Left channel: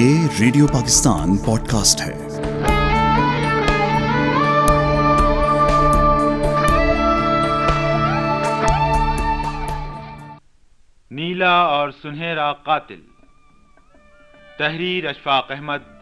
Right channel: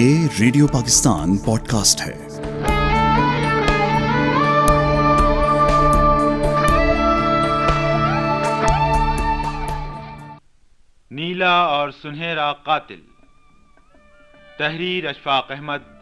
یہ radio Pakistan pod cost ہے۔ نیلا اور سنہرا قاتل، تحریر اشفاق احمد۔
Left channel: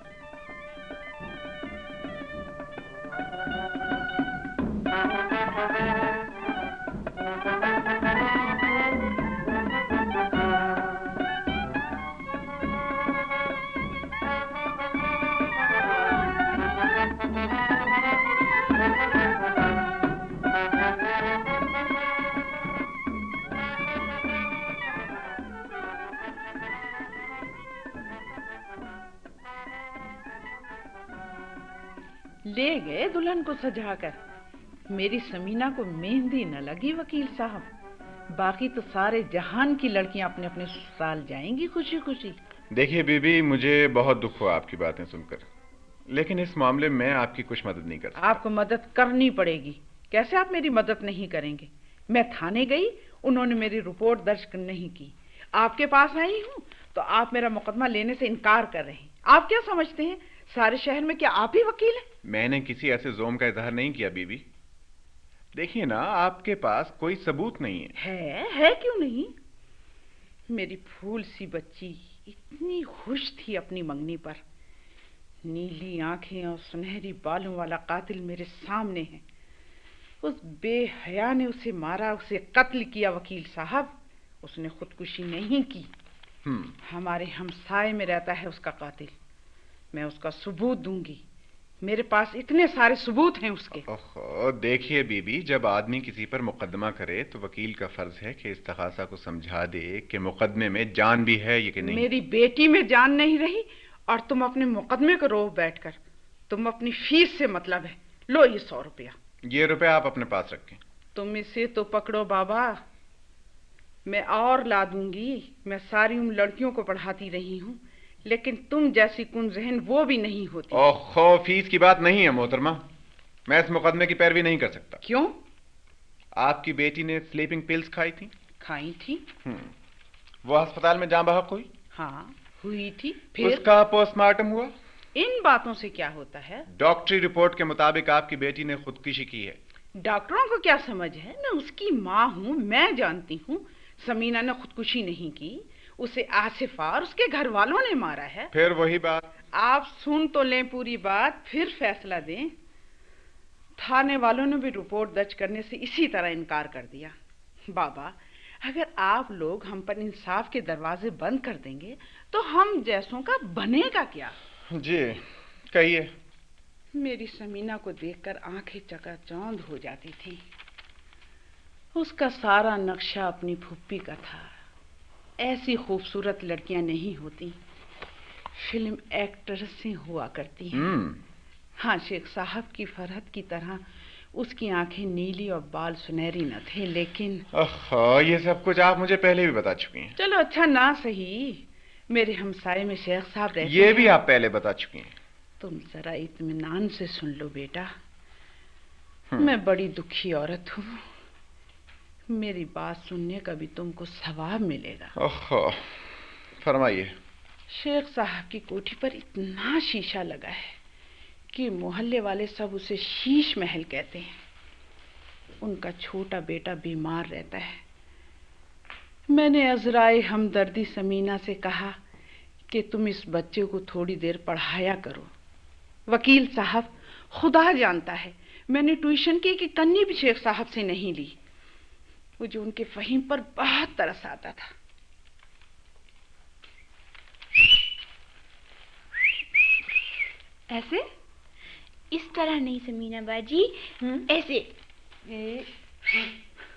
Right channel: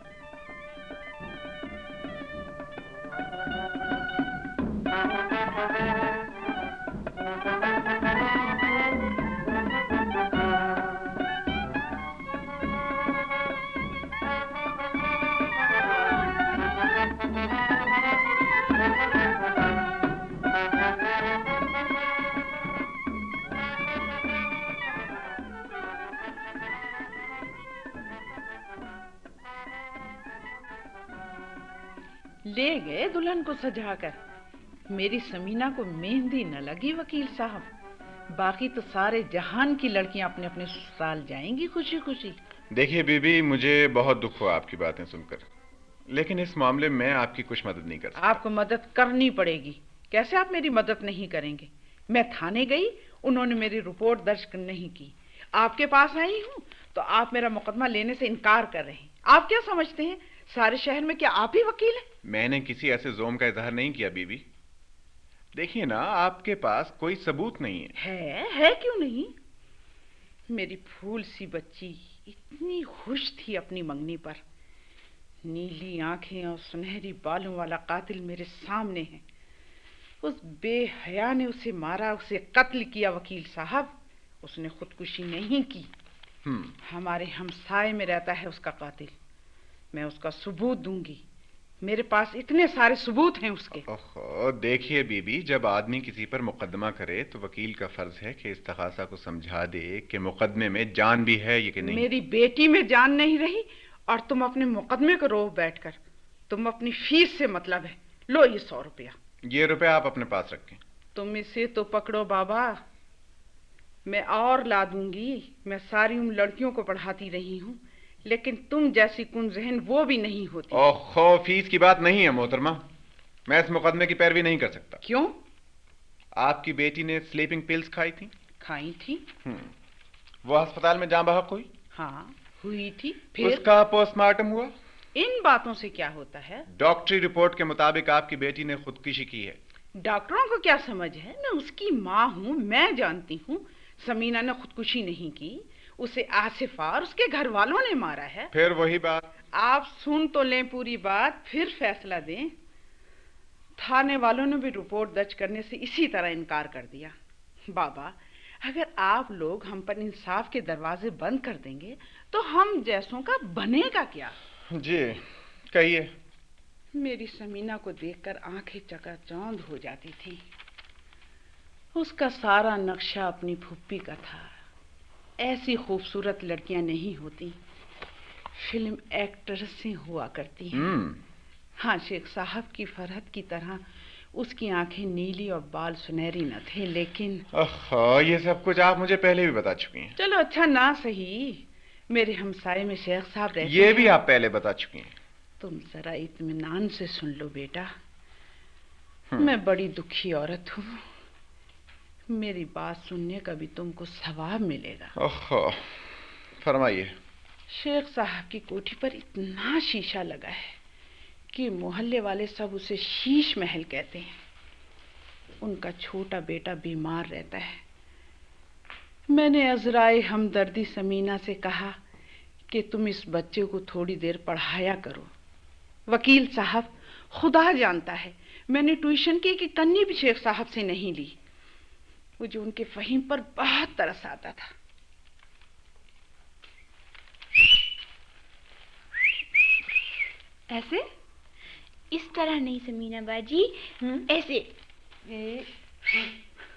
لے گئے دلہن کو سجا کر، میری سمینہ کو مہندی نہ لگی وکیل صاحب۔ باقی تو سارے جہان کی لڑکیاں اپنے اپنے سسرال جائیں گی خوشی خوشی۔ دیکھیے بی بی، مجھے بہت دکھ ہوا آپ کی باتیں سن کر، لیکن اس معاملے میں آپ کی کچھ مدد نہیں کر سکتا۔ آپ کو مدد کرنی پڑے گی۔ کیسے آپ میری مدد نہیں کریں گے؟ میں تھانے گئی، انہوں نے میری رپورٹ درج نہیں کی۔ آپ کے پاس آئی ہوں تو آپ میرا مقدمہ لینے سے انکار کر رہے ہیں۔ آپ کیا سمجھتے ہیں سارے شہر میں کیا آپ ہی وکیل ہیں؟ میں نے کسی ایسے ظلم کا اظہار نہیں کیا بی بی۔ دیکھیے نا، آپ کے پاس کوئی ثبوت نہیں ہے کیوں نہیں؟ میری پھول سی بچی اتنی خوش تھی اپنی منگنی پر۔ نیلی آنکھیں اور سنہری بالوں والا قاتل میرے سامنے ہے۔ اس بے حیا نے اسے مارا، اسے قتل کیا وکیل صاحب۔ اس نے خودکشی نہیں کی۔ ہمارے ہمسائے میں رہتا ہے اس کا قاتل۔ میں اس کا ثبوت دوں گی، میرے پاس اتنے سارے ثبوت ہیں اس کے۔ دیکھیے بی بی، جب آدمی کسی پر مقدمہ کرے تو وکیل کا فرض ہے کہ استغاثہ کو سمجھا دے کہ مقدمے میں جان بھی ہے یا کہ نہیں۔ میری بیٹی میں جان نہیں رہی اور تم اپنے مقدمے کو رو بیٹھ کر، تم اپنی فیس سے مطلب ہے۔ لو یہ 100 روپیہ۔ یہ روپے آپ اپنے پاس رکھیں۔ تم اسے تو پکڑو بابا، میں اور لا دوں گی۔ میں ساری عمر لڑکیوں کو پڑھاتی رہی ہوں، لیکن تم جیسی کن ذہن وہ بھی نہیں ہوتی۔ فیس کی بات نہیں ہے محترمہ، میں اس مقدمے کی پیروی نہیں کر سکتا۔ کیوں؟ آپ کی بیٹی نے سلیپنگ پلز کھائی تھی؟ کھائی تھی۔ وہ ہسپتال میں جاں بحق ہوئی؟ ہاں ہوئی تھی۔ اس کا پوسٹ مارٹم ہوا؟ ان باتوں سے کیا ہوتا ہے؟ ڈاکٹری رپورٹ کے مطابق آپ کی بیٹی نے خودکشی کی ہے۔ ڈاکٹروں کو کیا سمجھ ہے؟ میں اس کی ماں ہوں، میں جانتی ہوں سمینہ نے خودکشی نہیں کی، اسے آصف اور اس کے گھر والوں نے مارا ہے۔ پھر وہی بات، آپ سن تو لیں پوری بات، پھر فیصلہ دیں۔ تھانے والوں نے بھی رپورٹ درج کرنے سے اسی طرح انکار کر دیا۔ بابا، اگر آپ لوگ ہم پر انصاف کے دروازے بند کر دیں گے تو ہم جیسوں کا بنے گا کیا؟ جی کہیے۔ میری سمینہ کو دیکھ کر آنکھیں چکا چوند ہو جاتی تھی۔ اس کا سارا نقشہ اپنی پھوپھی کا تھا۔ ایسی خوبصورت لڑکیاں نہیں ہوتی، فلم ایکٹریسیں ہوا کرتی ہیں۔ ہاں، شیخ صاحب کی فرحت کی طرح اس کی آنکھیں نیلی اور بال سنہری نہ تھے، لیکن یہ سب کچھ آپ مجھے پہلے بھی بتا چکی ہیں۔ چلو اچھا نہ صحیح، میرے ہمسائے میں شیخ صاحب رہتے ہیں۔ یہ بھی آپ پہلے بتا چکی ہیں۔ تم ذرا اطمینان سے سن لو بیٹا، میں بڑی دکھی عورت ہوں، میری بات سننے کا بھی تم کو ثواب ملے گا۔ فرمائیے۔ شیخ صاحب کی کوٹھی پر اتنا شیشہ لگا ہے کہ محلے والے سب اسے شیش محل کہتے ہیں۔ ان کا چھوٹا بیٹا بیمار رہتا ہے۔ میں نے عذرائے ہمدردی سمینہ سے کہا کہ تم اس بچے کو تھوڑی دیر پڑھایا کرو۔ وکیل صاحب، خدا جانتا ہے میں نے ٹیوشن کی کہ کنی بھی شیخ صاحب سے نہیں لی۔ مجھے ان کے فہم پر بہت ترس آتا تھا۔ ایسے اس طرح نہیں سمینہ باجی، ایسے۔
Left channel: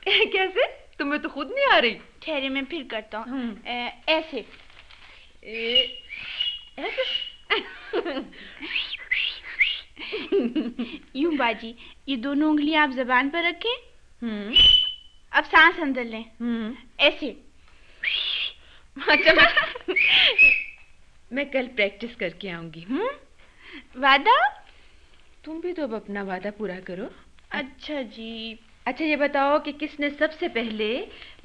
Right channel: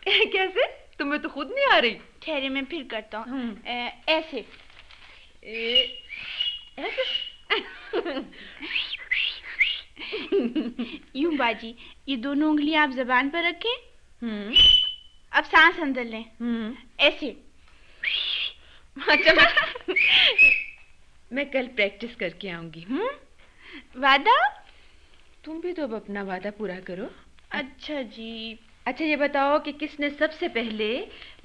کیسے؟ تمہیں تو خود نہیں آ رہی۔ ٹھہرے میں پھر کرتا ہوں۔ ایسے یوں باجی، یہ دونوں انگلیاں آپ زبان پر رکھیں، اب سانس اندر لیں، ایسے۔ میں کل پریکٹس کر کے آؤں گی۔ وعدہ؟ تم بھی تو اب اپنا وعدہ پورا کرو۔ اچھا جی۔ اچھا یہ بتاؤ کہ کس نے سب سے پہلے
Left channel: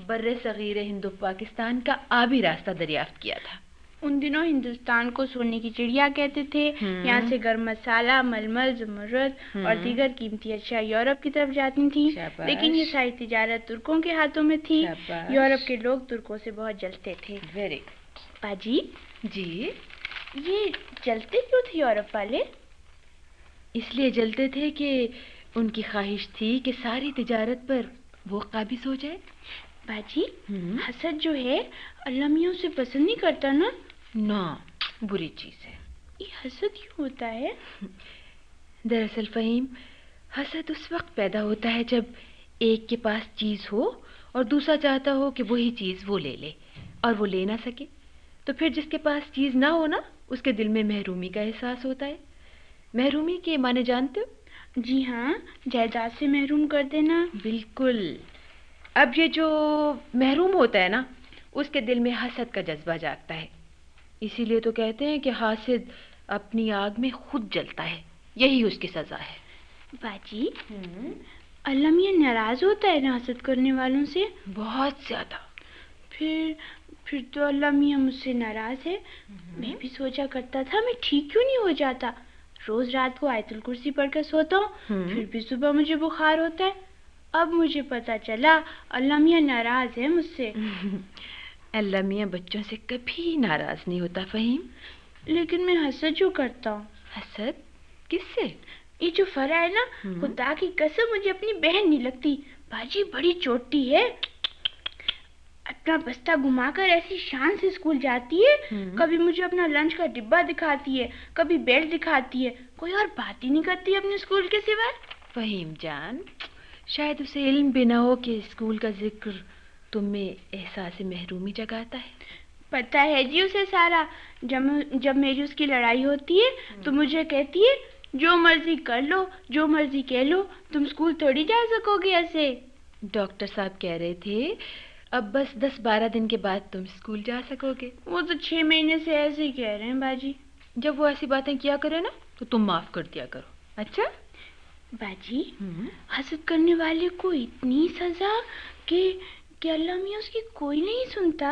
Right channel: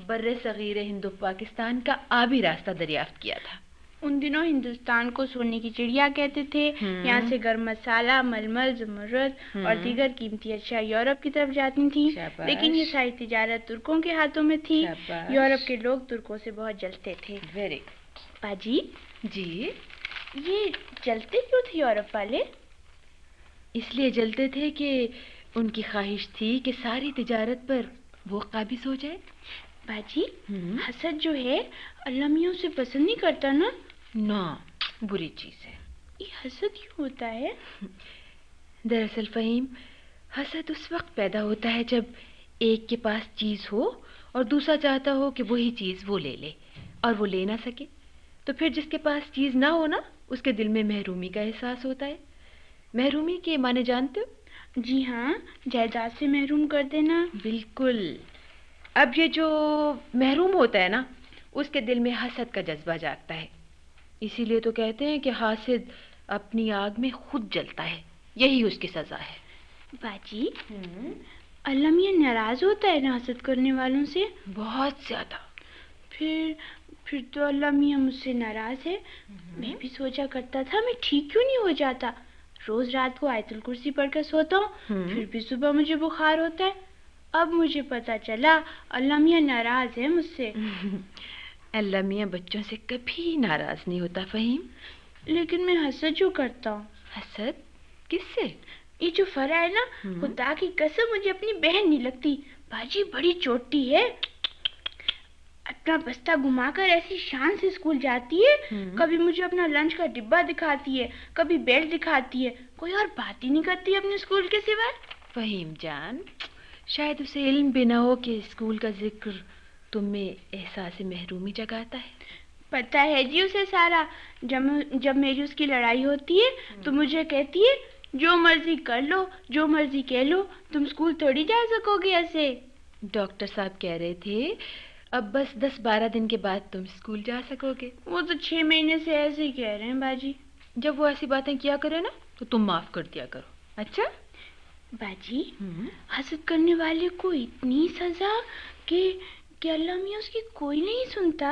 بر صغیر ہند و پاکستان کا آبی راستہ دریافت کیا تھا؟ उन दिनों हिंदुस्तान को सोने की चिड़िया कहते थे। यहाँ से गरम मसाला, मलमल, ज़मरुद और दीगर कीमती अशिया यूरोप की तरफ जाती थी। लेकिन ये सारी तिजारत तुर्कों के हाथों में थी। यूरोप के लोग तुर्कों से बहुत जलते थे। वेरी बाजी जी। ये जलते क्यों थे यूरोप वाले? इसलिए जलते थे कि उनकी ख्वाहिश थी कि सारी तिजारत पर वो काबिज हो जाए। बाजी हसद जो है अल्लाह मियां उसे पसंद नहीं करता ना? ना, बुरी चीज है। ये हसद क्यों होता है? दरअसल फहीम, हसद उस वक्त पैदा होता है जब एक के पास चीज हो और दूसरा चाहता हो कि वही चीज वो ले ले और वो ले ना सके। तो फिर जिसके पास चीज ना हो ना, उसके दिल में महरूमी का एहसास होता है। महरूमी के माने जानते हो? जी हाँ, जायदाद से महरूम कर देना। बिल्कुल। अब ये जो महरूम होता है ना, उसके दिल में हसद का जज्बा जागता है। इसीलिए तो कहते हैं कि हासिद अपनी आग में खुद जलता है। यही उसकी सजा है। बाजी अल्लाह मियां नाराज होता है ना हसद करने वालों से? बहुत ज्यादा। फिर तो अल्लाह मियां मुझसे नाराज है। मैं भी सोचा करता था मैं ठीक क्यों नहीं हो जाता। रोज रात को आयतुल कुर्सी पढ़कर सोता हूँ, फिर भी सुबह मुझे बुखार होता है। अब मुझे पता चला अल्लाह मियां नाराज है मुझसे। अल्लाह मियां बच्चों से कभी नाराज नहीं होता फहीम। लेकिन मैं हसद जो करता हूँ। हसद किससे? ये जो फरा है ना, खुदा की कसम मुझे अपनी बहन नहीं लगती। बाजी बड़ी चोटी है। अपना बस्ता घुमाकर ऐसी शान से स्कूल जाती है। कभी मुझे अपना लंच का डिब्बा दिखाती है, कभी बेल्ट दिखाती है। कोई और बात ही नहीं करती अपने स्कूल के सिवा। फहीम जान, शायद उसे इल्म भी ना हो कि स्कूल का जिक्र तुम में एहसास महरूमी जगाता है। पता है जी उसे सारा। जब मेरी उसकी लड़ाई होती है तो मुझे कहती है जो मर्जी कर लो, जो मर्जी कह लो, तुम स्कूल थोड़ी जा सकोगे ऐसे। डॉक्टर साहब कह रहे थे अब बस 10-12 दिन के बाद तुम स्कूल जा सकोगे। वो तो 6 महीने से ऐसे ही कह रहे हैं बाजी। जब वो ऐसी बातें किया करे ना तो तुम माफ कर दिया करो। अच्छा बाजी हसद करने वाले को इतनी सजा कि अल्लाह मियां उसकी कोई नहीं सुनता,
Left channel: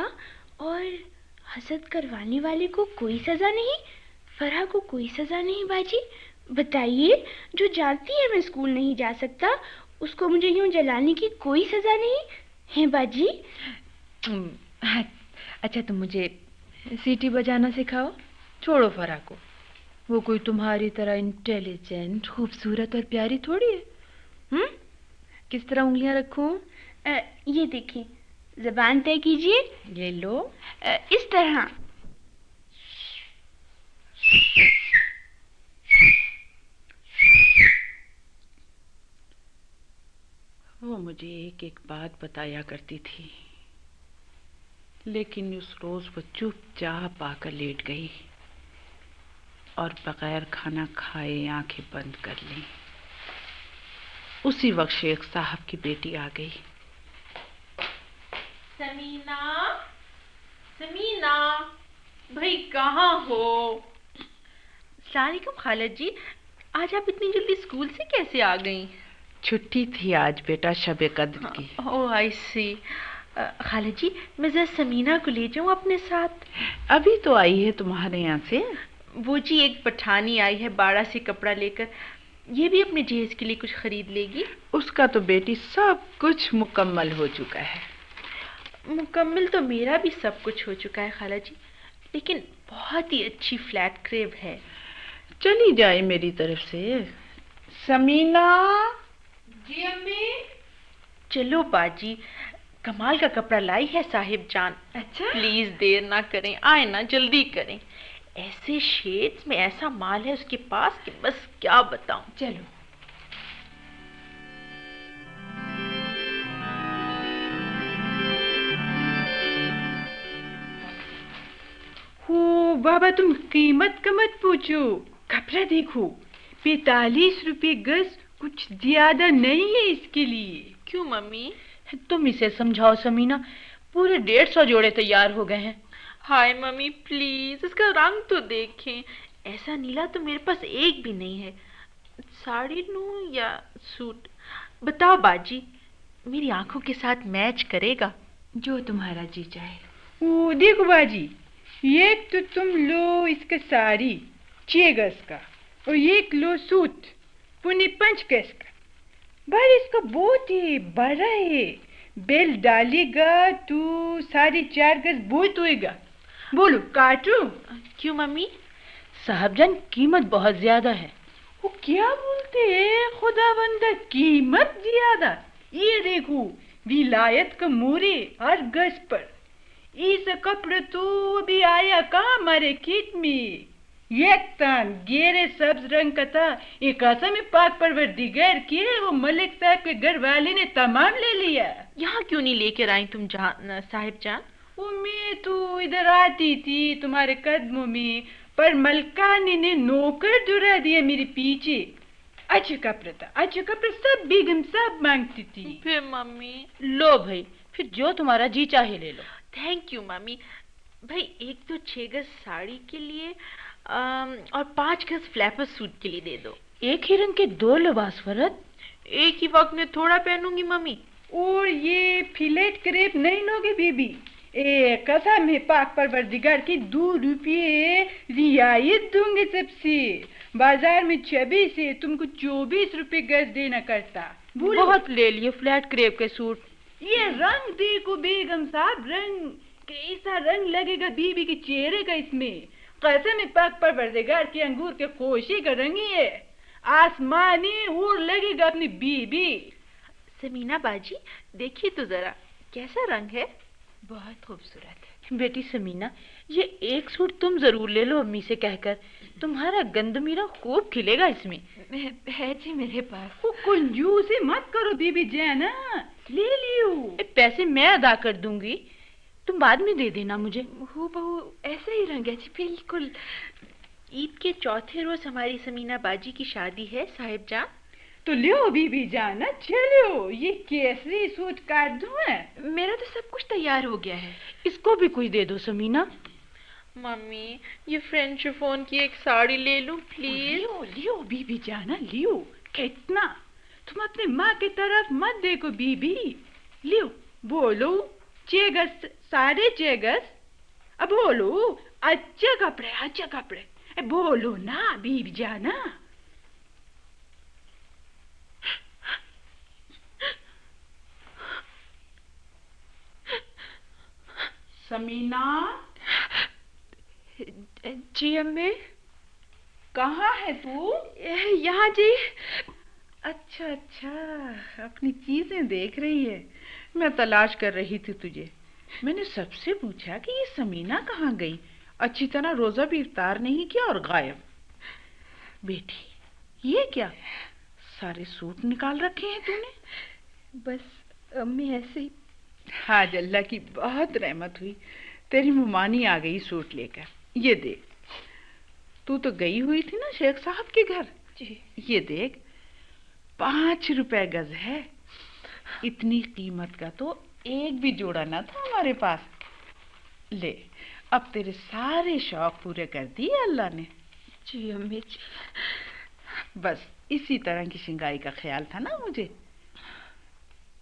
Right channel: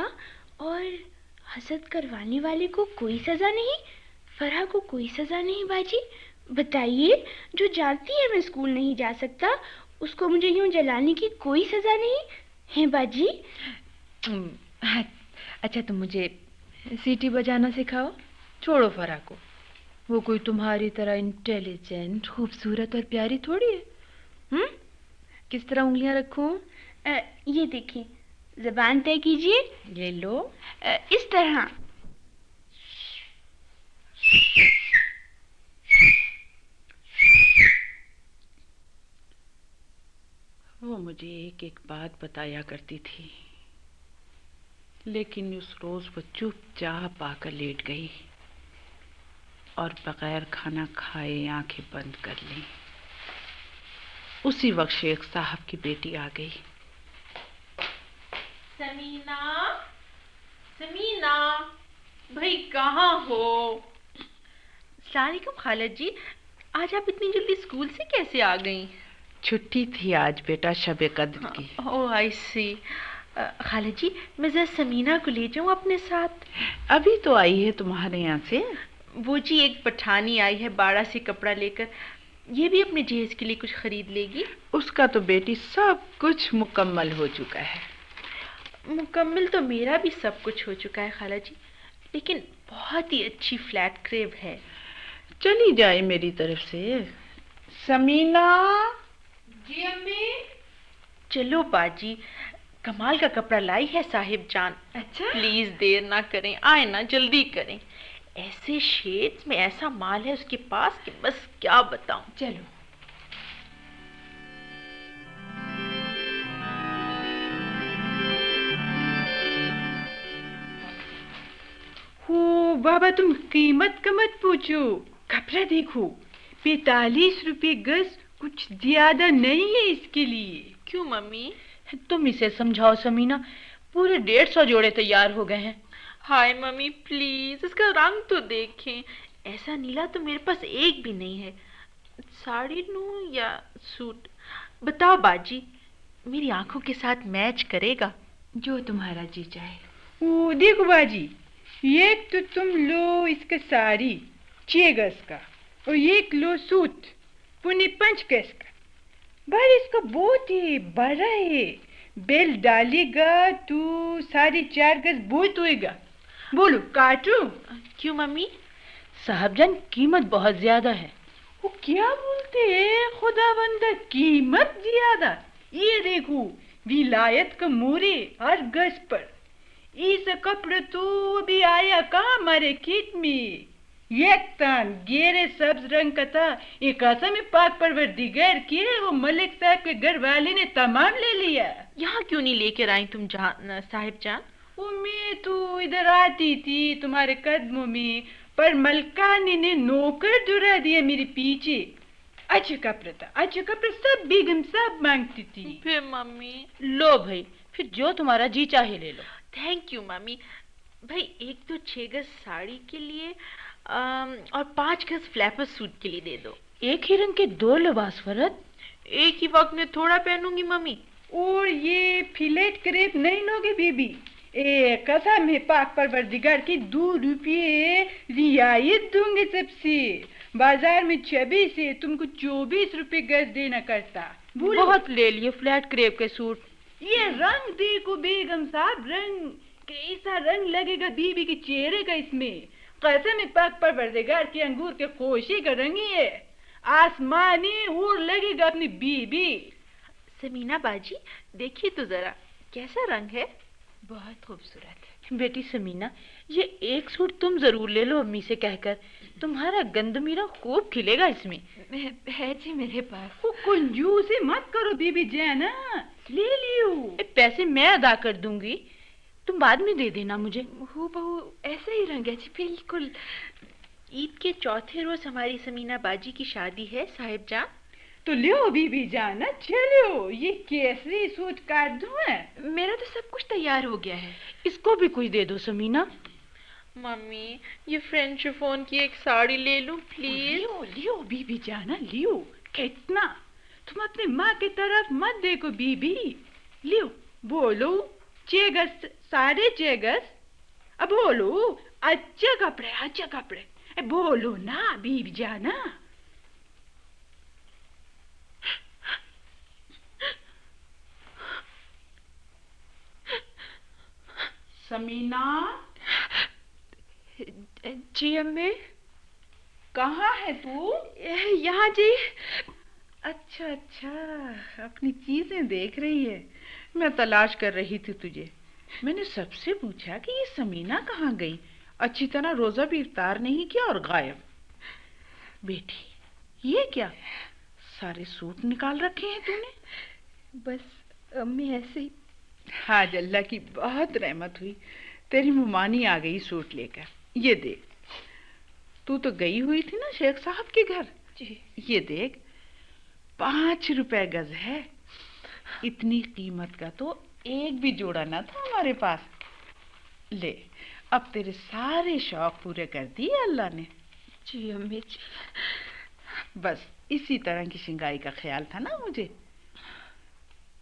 और हसद करवाने वाले को कोई सजा नहीं, फरहा को कोई सजा नहीं। बाजी बताइए, जो जानती है मैं स्कूल नहीं जा सकता उसको मुझे यूं जलाने की कोई सजा नहीं है बाजी। अच्छा तुम मुझे सीटी बजाना सिखाओ। छोड़ो फरहा को, वो कोई तुम्हारी तरह इंटेलिजेंट, खूबसूरत और प्यारी थोड़ी है। किस तरह उंगलियां रखूं? ये देखिए, ज़बान तय कीजिए। ये लो। इस तरह। वो मुझे एक एक बात बताया करती थी, लेकिन उस रोज वो चुपचाप आकर लेट गई और बगैर खाना खाए आंखें बंद कर ली। उसी वक्त शेख साहब की बेटी आ गई। समीना, समीना, भाई कहाँ हो? अस्सलामुअलैकुम खाला जी, आज आप इतनी जल्दी स्कूल से कैसे आ गई? छुट्टी थी आज बेटा, शब कद्र की। ओह आई सी। खाला जी मैं जरा समीना को ले जाऊं अपने साथ? अभी तो आई है तुम्हारे यहाँ से। वो जी एक पठानी आई है बाड़ा से कपड़ा लेकर, ये भी अपने जहेज के लिए कुछ खरीद लेगी। उसका तो बेटी सब कुछ मुकम्मल हो चुका है। मुकम्मल तो मेरा भी सब कुछ हो चुका है खाला जी, लेकिन बहुत ही अच्छी फ्लैट क्रेब है। चली जाए मेरी तरफ से। समीना। जी अम्मी। चलो बाजी, कमाल का कपड़ा लाई है साहिब जान। अच्छा प्लीज देर ना करें, आए ना, जल्दी करें। ऐसे शेड्स में ऐसा माल है उसके पास कि बस क्या बताऊं। चलो। हो बाबा, तुम कीमत का मत पूछो, कपड़ा देखो, 45 रुपए गज, कुछ ज्यादा नहीं है इसके लिए। क्यों मम्मी? तुम इसे समझाओ समीना, पूरे 150 जोड़े तैयार हो गए हैं। हाय मम्मी प्लीज, इसका रंग तो देखें। ऐसा नीला तो मेरे पास एक भी नहीं है। साड़ी लूं या सूट? बताओ बाजी, मेरी आंखों के साथ मैच करेगा। जो तुम्हारा जी चाहे। ओ देखो बाजी, یہ تو تم لو اس کا ساری 6 گز کا اور یہ لو سوٹ 5 گز کا. بھائی اس کا بہت ہی بڑا ہے. بیل ڈالے گا تو 4.5 گز بہت ہوئے گا. بولو کاٹو. کیوں ممی؟ صاحب جان قیمت بہت زیادہ ہے. وہ کیا بولتے ہیں خدا بندہ قیمت زیادہ؟ یہ دیکھو ولایت کا مورے ہر گز پر. اس کپڑا تو بھی آیا کہاں ہمارے کیٹ میں. ایک تن گہرے سبز رنگ کا تھا. ایک قسم پاک پروردگار کی وہ ملک صاحب کے گھر والے نے تمام لے لیا. یہاں کیوں نہیں لے کر آئی تم صاحب جان؟ وہ میں تو ادھر آتی تھی تمہارے قدموں میں، پر ملکانی نے نوکر درا دیا میرے پیچھے. اچھا کپڑا تھا، اچھا کپڑا سب بیگم سب مانگتی تھی. پھر ممی؟ لو بھائی پھر جو تمہارا جی چاہے لے لو. Thank you mummy. بھائی ایک تو 6 گز ساڑی کے لیے اور 5 گز فلیپر سوٹ کے لیے دے دو. ایک ہی رنگ کے 2 لباس فرد. ایک ہی وقت میں تھوڑا پہنوں گی ممی. اور یہ فلیٹ کریپ نہیں لوگے بی بی؟ قسم ہے پاک پروردگار کی 2 روپے رعایت دوں گے سب سے. بازار میں 26 سے تم کو 24 روپے گز دینا کرتا. بہت لے لیے فلیٹ کریپ کے سوٹ. یہ رنگ دیکھو بیگم صاحب، رنگ کیسا رنگ لگے گا بی بی کے چہرے کا اس میں. قسم ہے پاک پروردگار کی انگور کے خوشی کا رنگ ہے. آسمانی اور لگے گا اپنی بی بی. سمینا باجی دیکھیے تو ذرا کیسا رنگ ہے. بہت خوبصورت. بیٹی سمینا یہ ایک سوٹ تم ضرور لے لو امی سے کہہ کر. تمہارا گند میرا خوب کھلے گا اس میں. ہے جی میرے پاس. وہ کنجوسی مت کرو بی بی جانا. لے لیو. پیسے میں ادا کر دوں گی، تم بعد میں دے دینا مجھے. ہو بہو ایسے ہی رنگ ہے جی بالکل. عید کے چوتھے روز ہماری سمینا باجی کی شادی ہے صاحب جان. تو لیو بی بی جانا چلو. یہ کیسری سوٹ کاٹ دوں میں؟ میرا تو سب کچھ تیار ہو گیا ہے. اس کو بھی کچھ دے دو سمینا. ممی یہ فرینچ شفون کی ایک ساڑی لے لوں پلیز. لیو لیو بی بی جانا لیو. اتنا تم اپنی ماں کی طرف مت دیکھو بی بی. لیو بولو 6 گز 6.5 گز. اب بولو اچھے کپڑے اچھے کپڑے. بولو نا بی بی جانا. سمینا. جی امی. کہاں ہے تو؟ یہاں جی. اچھا اچھا اپنی چیزیں دیکھ رہی ہے. میں تلاش کر رہی تھی تجھے. میں نے سب سے پوچھا کہ یہ سمینا کہاں گئی. اچھی طرح روزہ بھی افطار نہیں کیا اور غائب. بیٹی یہ کیا سارے سوٹ نکال رکھے ہیں تو نے؟ بس امی ایسے. آج اللہ کی بہت رحمت ہوئی، تیری ممانی آ گئی سوٹ لے کر. یہ دیکھ تو گئی ہوئی تھی نا شیخ صاحب کے گھر. جی. یہ دیکھ 5 روپے گز ہے. اتنی قیمت کا تو ایک بھی جوڑا نہ تھا ہمارے پاس. لے اب تیرے سارے شوق پورے کر دیے اللہ نے. جی امی جی. بس اسی طرح کی شنگائی کا خیال تھا نا مجھے.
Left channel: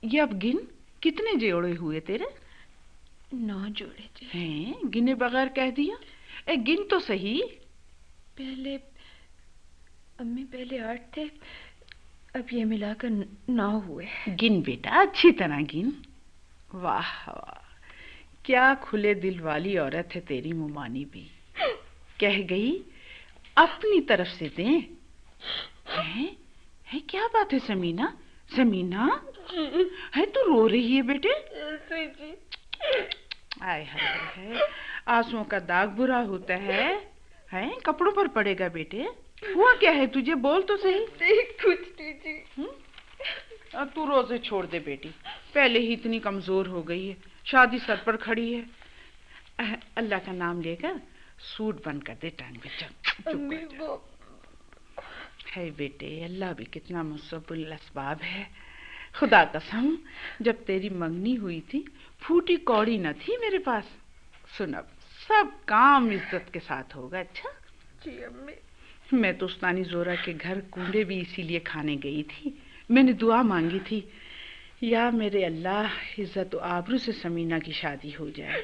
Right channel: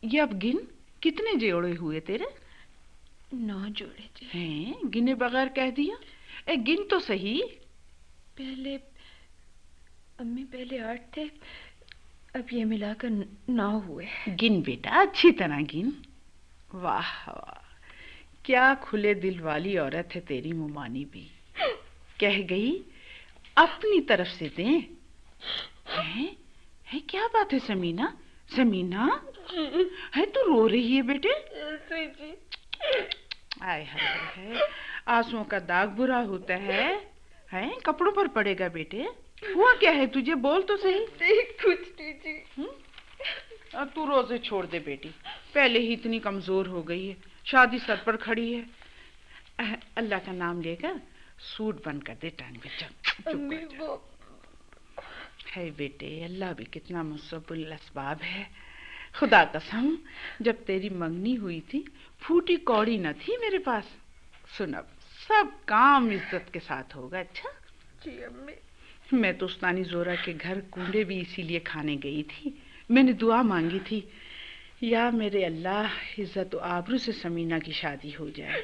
یہ اب گن کتنے جوڑے ہوئے تیرے؟ 9 جوڑے جی. ہیں گنے بغیر کہہ دیا. گن تو صحیح. پہلے امی پہلے 8 تھے، اب یہ ملا کر 9 ہوئے. گن بیٹا اچھی طرح گن. واہ واہ کیا کھلے دل والی عورت ہے تیری ممانی بھی. کہہ گئی اپنی طرف سے دیں. ہے کیا بات ہے سمینا؟ سمینا ہے تو رو رہی ہے بیٹے؟ آئے ہائے آنسوؤں کا داغ برا ہوتا ہے. کپڑوں پر پڑے گا بیٹے. ہوا کیا ہے تجھے؟ بول تو صحیح. کچھ نہیں جی. تو روزے چھوڑ دے بیٹی، پہلے ہی اتنی کمزور ہو گئی ہے. شادی سر پر کھڑی ہے. اللہ کا نام لے کر سوٹ بن کر دے ٹانگ پہ. ہے بیٹے اللہ بھی کتنا مسبب الاسباب ہے. خدا قسم جب تیری منگنی ہوئی تھی پھوٹی کوڑی نہ تھی میرے پاس. سن اب سب کام عزت کے ساتھ ہوگا. اچھا جی امی. میں تو استانی زورا کے گھر کنڈے بھی اسی لیے کھانے گئی تھی. میں نے دعا مانگی تھی یا میرے اللہ عزت و آبرو سے سمینا کی شادی ہو جائے.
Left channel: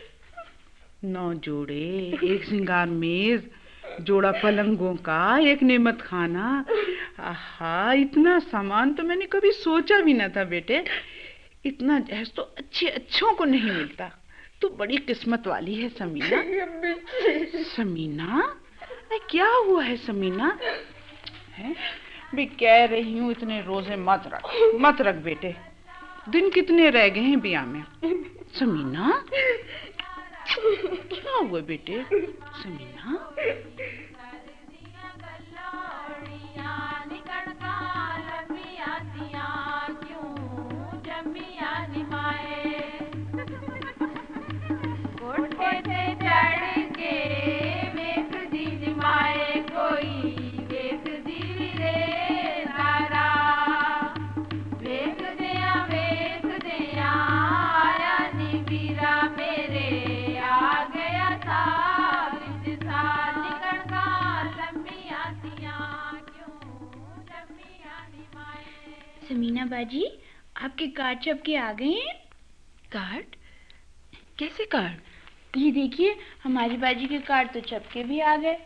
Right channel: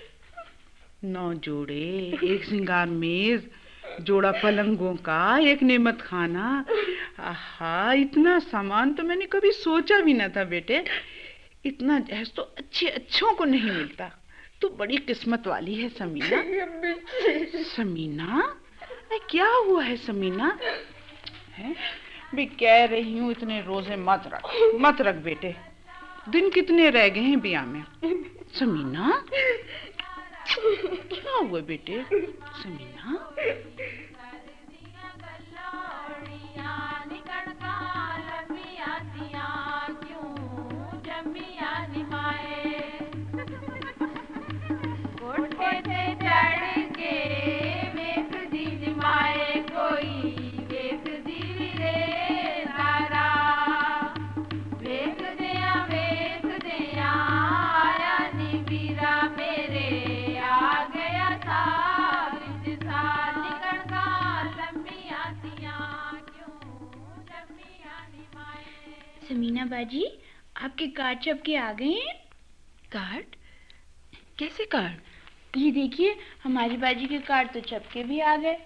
9 जोड़े, एक श्रृंगार मेज, जोड़ा पलंगों का, एक नेमत खाना। आहा, इतना सामान तो मैंने कभी सोचा भी न था बेटे। इतना जहेज तो अच्छों को नहीं मिलता। तू बड़ी किस्मत वाली है समीना। समीना, क्या हुआ है समीना? है भी कह रही हूँ इतने रोजे मत रख बेटे। दिन कितने रह गए हैं बिया में? समीना, क्या हुआ बेटे? समीना, समीना बाजी, आपके कार्ड छपके आ गए हैं। कार्ड? कैसे कार्ड? ये देखिए, हमारी बाजी के कार्ड तो छपके भी आ गए।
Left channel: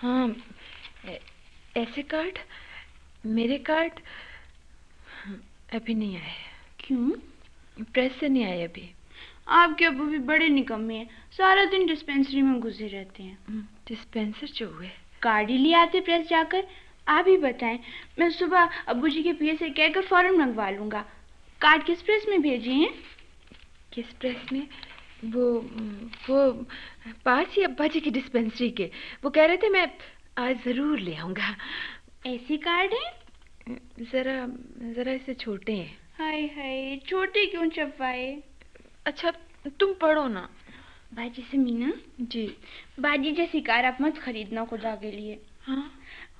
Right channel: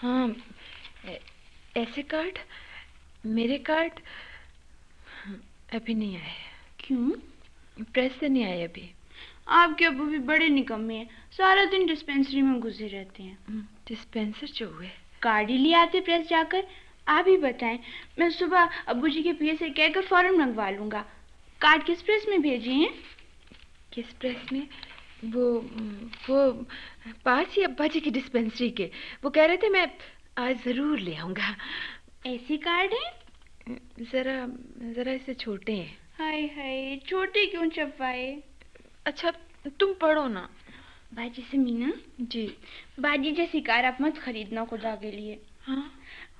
हाँ, ऐसे कार्ड? मेरे कार्ड अभी नहीं आए। क्यों? प्रेस से नहीं आए अभी। आपके अब्बू भी बड़े निकम्मे हैं, सारा दिन डिस्पेंसरी में घुसे रहते हैं। डिस्पेंसर जो हुए, कार्ड ही ले आते प्रेस जाकर। आप ही बताएं, मैं सुबह अब्बू जी के पिए से कहकर फौरन मंगवा लूंगा। कार्ड किस प्रेस में भेजे हैं? किस प्रेस में? वो पास ही अब्बा जी की डिस्पेंसरी के। वो कह रहे थे मैं आज जरूर ले आऊंगा। ऐसे कार्ड हैं? जरा इससे छोटे हैं। हाय हाय, छोटे क्यों छपवाए? अच्छा, तुम पढ़ो ना। बाजी समीना जी। बाजी जैसी कार आप मत खरीदना खुदा के लिए। हाँ,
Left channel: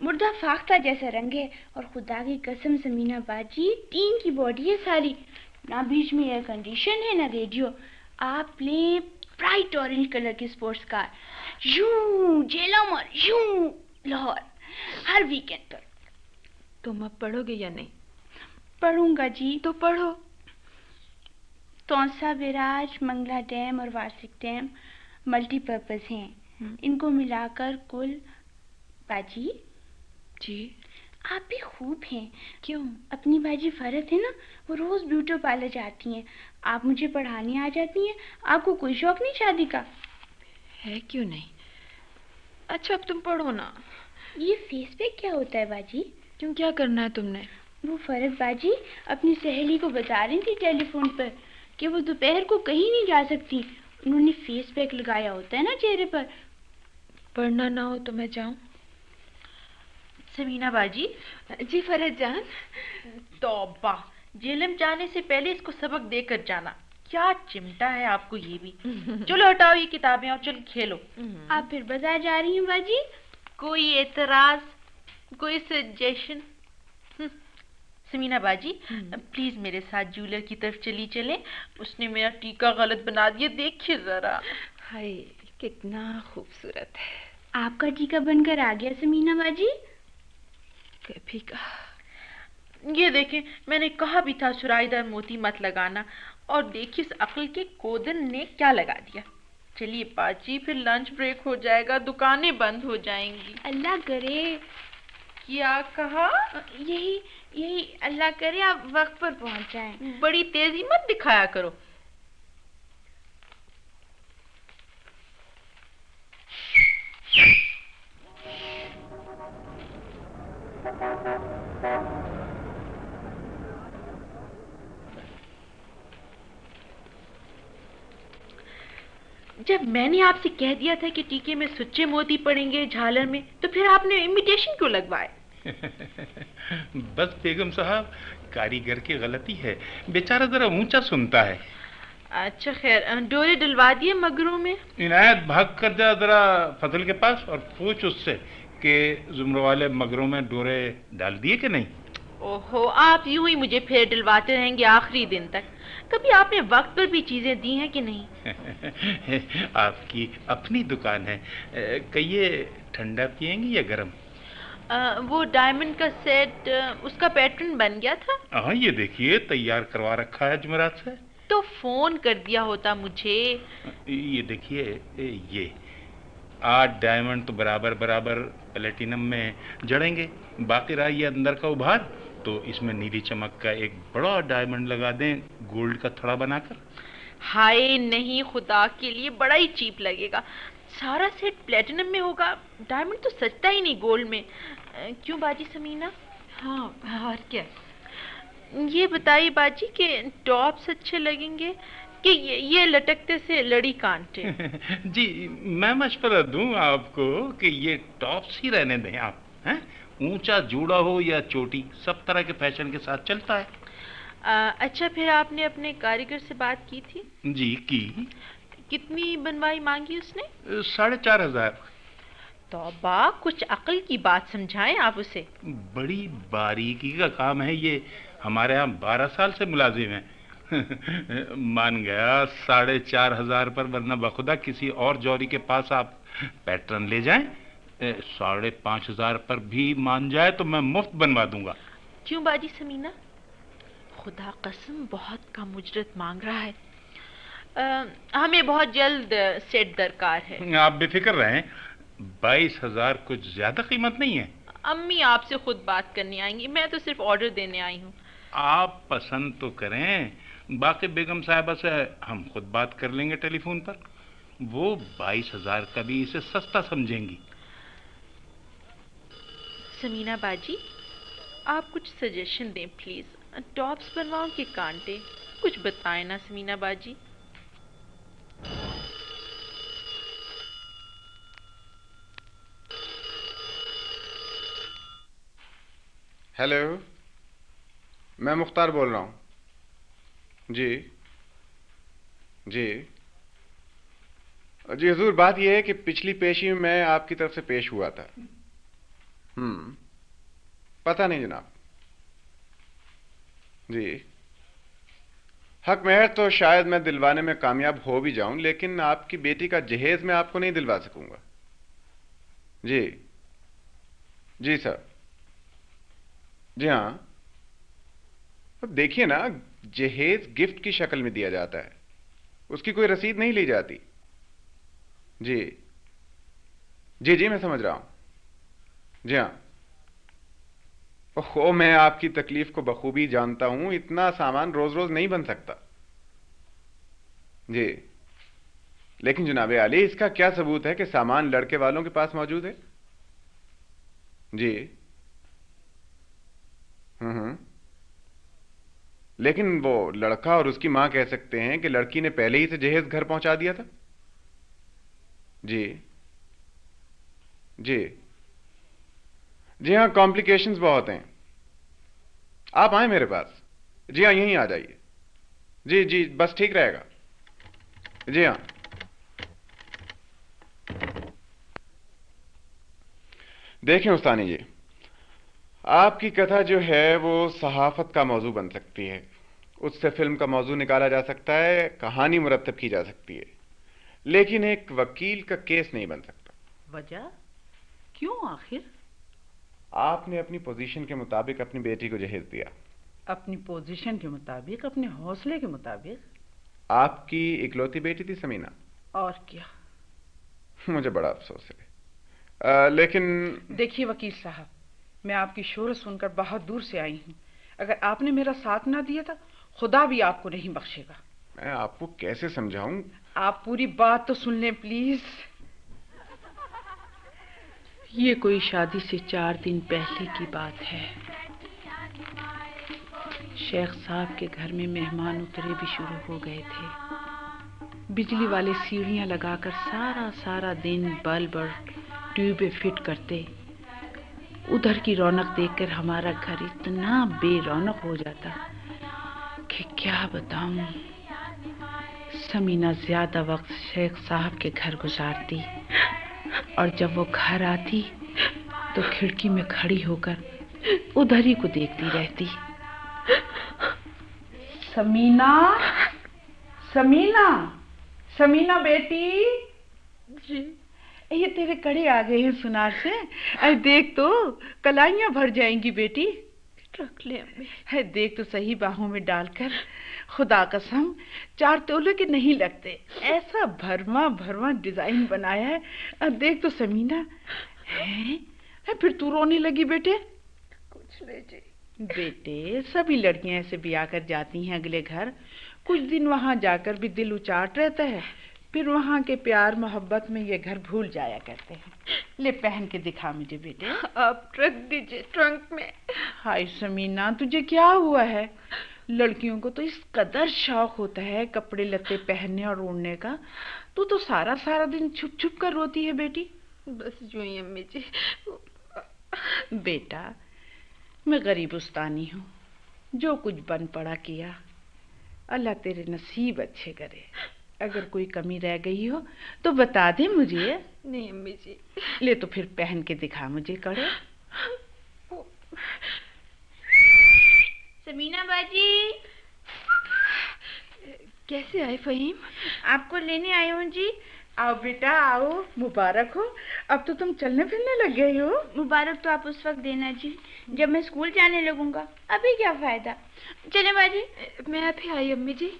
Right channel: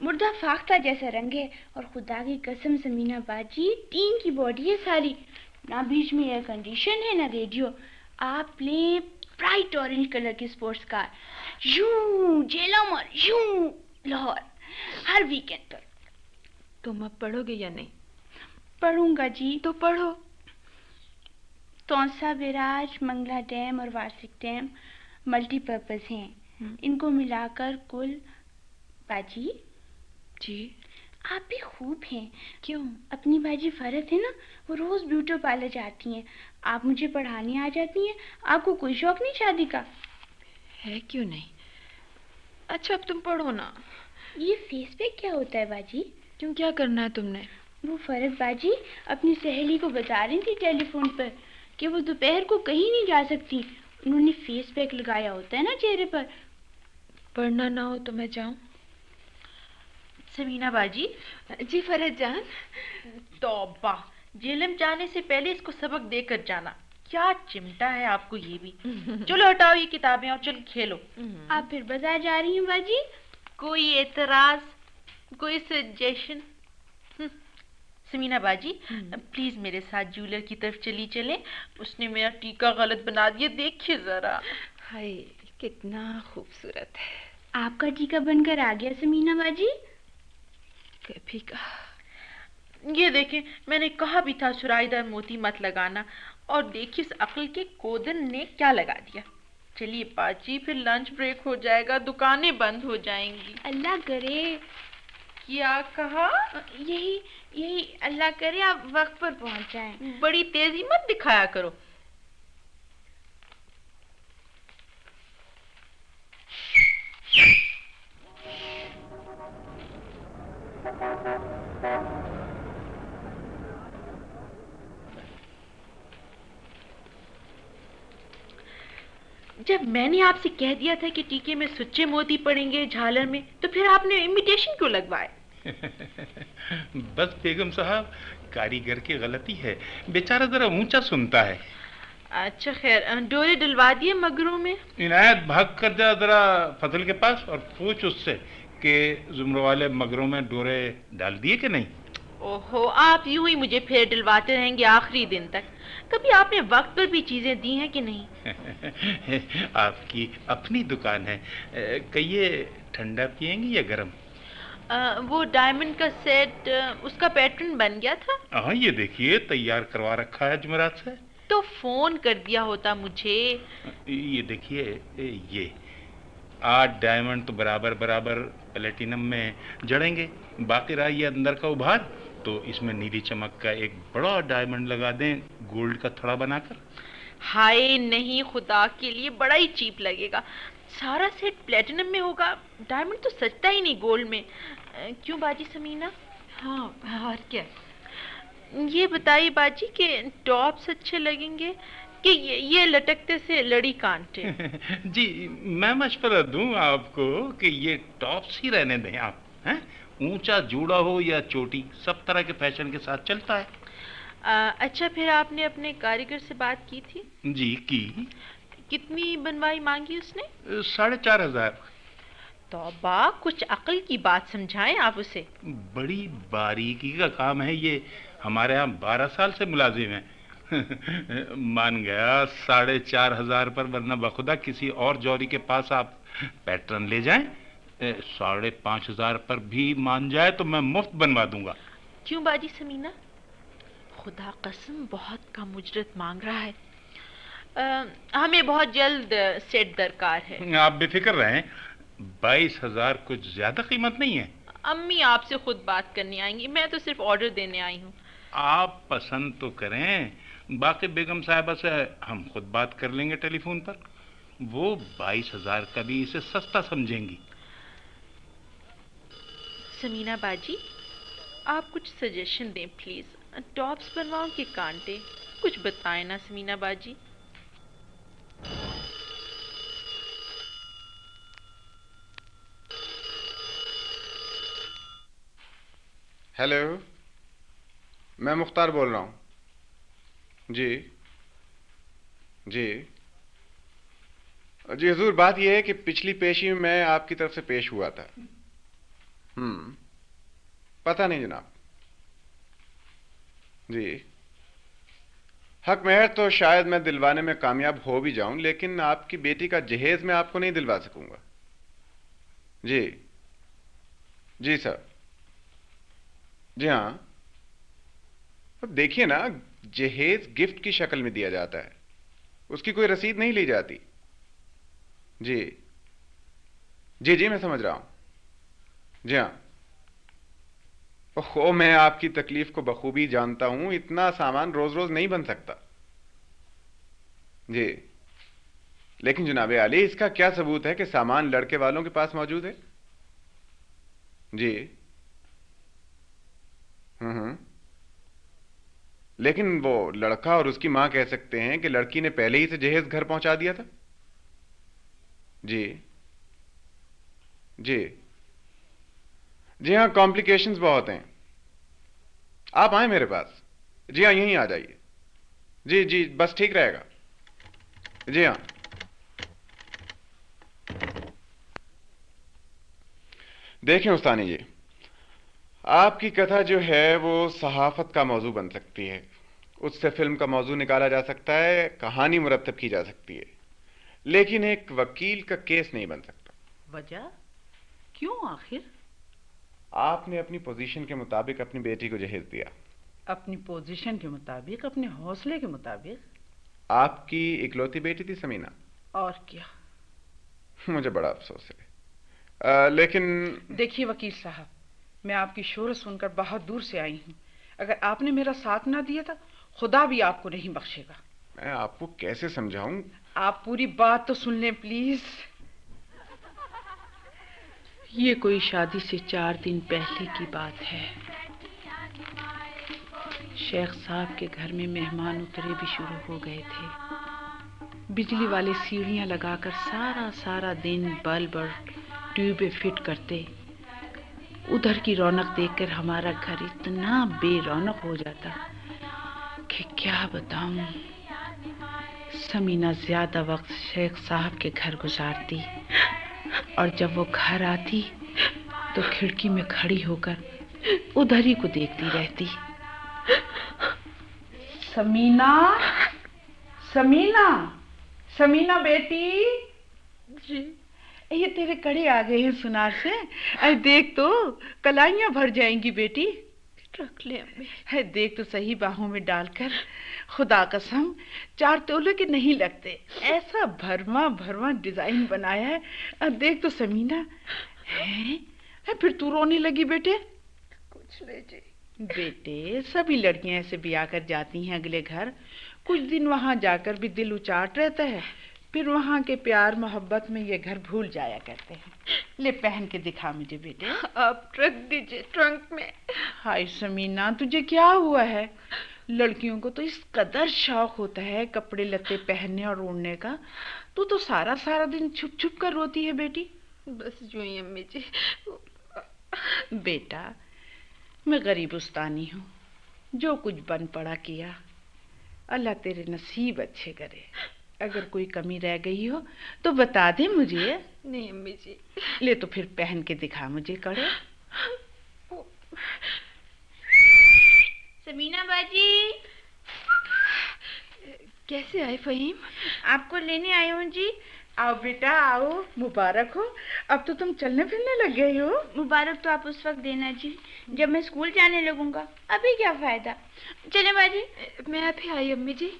मुर्दा फाख्ता जैसा रंग है, और खुदा की कसम समीना बाजी, टीन की बॉडी है सारी, ना बीच में एयर कंडीशन है ना रेडियो। आप ले ब्राइट ऑरेंज कलर की स्पोर्ट्स कार, यूं जेलमर, यूं लाहौर, हर वीकेंड पर। तुम अब पढ़ोगे या नहीं? पढ़ूंगा जी। तो पढ़ो। तौसा बैराज, मंगला डैम और वार्षिक डैम मल्टीपर्पज हैं। इनको मिलाकर कुल बाजी जी। आप भी खूब हैं। क्यों? अपनी बाजी फरत है ना, वो रोज ब्यूटी पार्लर जाती हैं। आप मुझे पढ़ाने आ जाती हैं। आपको कोई शौक नहीं शादी का? है क्यों नहीं। अच्छा, अब तुम पढ़ो ना। ये फेस पे क्या होता है बाजी? क्यों, क्या करना है तुमने? वो फरत बाजी अपनी सहेली को बता रही थी टेलीफोन पर कि वो दोपहर को कहीं नहीं जा सकती। उन्होंने फेस पैक लगाया होता है ना चेहरे पर। पढ़ना ना हो तो मैं जाऊं? समीना बाजी। जी फरहत जान। तौबा, जेलम जाने से पहले इसको सबक देकर जाना। क्या चिमटा है आपको ये भी। चलो हटाओ ये किताबें और चलो खेलो। आप फिर बाजार जा रही हैं बाजी? कोई एतराज, कोई सजेशन? समीना बाजी, प्लीज मेरे साथ जूलर की तरफ चले। उसने मेरा टीका गलत बना दिया, देखिए जरा। हाय, कितना खूबसूरत है। आपका टीका बनकर आ गया समीना बाजी? कभी कहा। ये देखें, मैंने कहा भी था सुराईदार मोती मत लगाना, और देखिए इस अक्ल के कोदन ने क्या लगा दिया। चलिए बाजी, फिर लंच ब्रेक हो जाएगा, दुकानें बंद हो जाएंगी। अल्लाह करे। क्या कहा? यही अल्लाह करे आप वक्त पर पहुंच जाएं। बड़ी तेजी मत दिखाया करो। जब मैंने आपसे कह दिया था कि टीके में सुच्चे मोती पड़ेंगे झालर में, तो फिर आपने इमिटेशन क्यों लगवाए? बस बेगम साहब, कारीगर की गलती है, बेचारा जरा ऊंचा सुनता है। अच्छा खैर, डोरे डलवा दिए मगरों में? इनायत, भाग कर जा जरा फजल के पास और पूछ उससे कि जुमरों वाले मगरों में डोरे डाल दिए कि नहीं। ओहो, आप यूं ही मुझे फेर डलवाते रहेंगे आखिरी दिन तक। कभी आपने वक्त पर भी चीजें दी हैं कि नहीं? आपकी अपनी दुकान है, कहिए ठंडा पिएंगी या गरम? वो डायमंड का सेट उसका पैटर्न बन गया था। हाँ, ये देखिए तैयार करवा रखा है जुमेरात से। तो फोन कर दिया होता मुझे। ये देखिए, ये 8 डायमंड तो बराबर बराबर प्लेटिनम में जड़ेंगे, बाकी रहा ये अंदर का उभार, तो इसमें नीली चमक का एक बड़ा डायमंड लगा दें, गोल्ड का थड़ा बनाकर। हाय नहीं, खुदा के लिए बड़ा ही चीप लगेगा। सारा सेट प्लेटिनम में होगा, डायमंड तो सजता ही नहीं गोल्ड में। क्यों बाजी समीना? हाँ, और क्या? ये बताइए बाजी कि टॉप्स अच्छे लगेंगे कि ये लटकते से लड़ी कांटे? जी, मैं मशवरा दूं आपको कि ये टॉप्स ही रहने दें आप, हैं? ऊंचा जूड़ा हो या चोटी, सब तरह के फैशन के साथ चलता है। अच्छा, फिर आपने अपने कारीगर से बात की थी? जी की। कितनी बनवाई मांगी उसने? 4,500। तौबा, कुछ अक्ल की बात समझाएं आप उसे। बड़ी बारीकी का काम है ये, हमारे यहाँ 12 साल से मुलाजिम है। मान गया 4,500 पर, वरना बखुदा किसी और जौहरी के पास आप पैटर्न ले जाएं, 5,500 पर भी मान जाए तो मैं मुफ्त बनवा दूंगा। क्यों बाजी समीना? खुदा कसम बहुत कम उजरत मांग रहा है। हमें बहुत जल्द सेट दरकार है। आप बेफिक्र रहें, 22,000 कुछ ज्यादा कीमत नहीं है। अम्मी आपसे खुद बात करने आएंगी, मैं तो सिर्फ ऑर्डर देने आई हूँ। आप पसंद तो करें, बाकी बेगम साहिबा से हम खुद बात कर लेंगे टेलीफोन पर, वो 22,000 का भी इसे सस्ता समझेंगी। समीना बाजी, आप कुछ सजेशन दें प्लीज। टॉप्स बनवाऊं कि कांटे? कुछ बताएं ना समीना बाजी। हेलो, मैं मुख्तार बोल रहा हूँ। जी जी जी हुजूर, बात यह है कि पिछली पेशी में मैं आपकी तरफ से पेश हुआ था। पता नहीं जनाब। जी, हक में है तो शायद मैं दिलवाने में कामयाब हो भी जाऊं, लेकिन आपकी बेटी का जहेज मैं आपको नहीं दिलवा सकूंगा। जी जी सर, जी हाँ। अब देखिए ना, जहेज गिफ्ट की शक्ल में दिया जाता है, उसकी कोई रसीद नहीं ली जाती। जी जी जी, मैं समझ रहा हूं। जी हाँ। ओहो, मैं आपकी तकलीफ को बखूबी जानता हूं, इतना सामान रोज रोज नहीं बन सकता। जी, लेकिन जनाब आली, इसका क्या सबूत है कि सामान लड़के वालों के पास मौजूद है? जी लेकिन वो लड़का और उसकी मां कह सकते हैं कि लड़की ने पहले ही से जहेज घर पहुंचा दिया था। जी जी जी हाँ, कॉम्प्लिकेशंस बहुत हैं। आप आए मेरे पास। जी हाँ, यहीं आ जाइए। जी जी, बस ठीक रहेगा। जी हाँ। देखें उस्तानी जी, आपकी कथा जो है वो सहाफत का मौजू बन सकती है, उससे फिल्म का मौजू निकाला जा सकता है, कहानी मुरतब की जा सकती है, लेकिन एक वकील का केस नहीं बन सकता। वजह? क्यों आखिर? आपने अपनी पोजीशन के मुताबिक अपनी बेटी को जहेज दिया। अपनी पोजीशन के मुताबिक, अपने हौसले के मुताबिक। आपकी इकलौती बेटी थी समीना। और क्या? मुझे बड़ा अफसोस है, लेकिन देखिए वकील साहब, मैं आपकी शोर सुनकर बहुत दूर से आई हूँ। अगर आपने मेरा साथ ना दिया था, खुदा भी आपको नहीं बख्शेगा। मैं आपको कैसे समझाऊं? आप पूरी बात तो सुन लें प्लीज। ये कोई शादी से 4 दिन पहले की बात है। शेख साहब के घर में मेहमान उतरे भी शुरू हो गए थे। बिजली वाले सीढ़ियां लगाकर सारा दिन बल्ब और ट्यूबें फिट करते। उधर की रौनक देखकर हमारा घर इतना बेरौनक हो जाता कि क्या बताऊं। समीना ज्यादा वक्त शेख साहब के घर गुजारती, और जब वो घर आती तो खिड़की में खड़ी होकर उधर ही को देखती रहती। समीना, समीना, समीना बेटी। जी, ये तेरे कड़े आ गए हैं सुनार से। अरे देख तो, कलाइयां भर जाएंगी बेटी। रख ले अम्मी। है देख तो सही, बाहों में डालकर। खुदा कसम 4 तोले के नहीं लगते। ऐसा भरवा भरवा डिजाइन बनाया है। अब देख तो समीना। है फिर तू रोने लगी बेटे? कुछ नहीं जी। बेटे सभी लड़कियां ऐसे ब्याह कर जाती हैं अगले घर, कुछ दिन वहां जाकर भी दिल उचाट रहता है, फिर वहां के प्यार मोहब्बत में ये घर भूल जाया करते हैं। ले पहन के दिखा मुझे बेटे। आप रख दीजिए ट्रंक में। हाय समीना तुझे क्या हुआ है? लड़कियों को तो इस कदर शौक होता है कपड़े लत्ते पहनने और ओढ़ने का, तू तो सारा सारा दिन छुप छुप कर रोती है बेटी। बस यूं ही अम्मी जी। बेटा मैं गरीबुस्तानी हूँ, जो कुछ बन पड़ा किया। अल्लाह तेरे नसीब अच्छे करे। अगर कोई कमी रह गई हो तो बता दे मुझे। नहीं अम्मी जी। ले तो फिर पहन के दिखा मुझे कड़े। समीना बाजी। कैसे आए फहीम? आपको लेने आई हूँ जी। आओ बेटा आओ, मुबारक हो। अब तो तुम चलने फिरने लग गई हो। मुबारक तो आप उस वक्त देना जी जब मैं स्कूल जाने लगूंगा, अभी क्या फायदा। चले बाजी। मैं अभी आई अम्मी जी।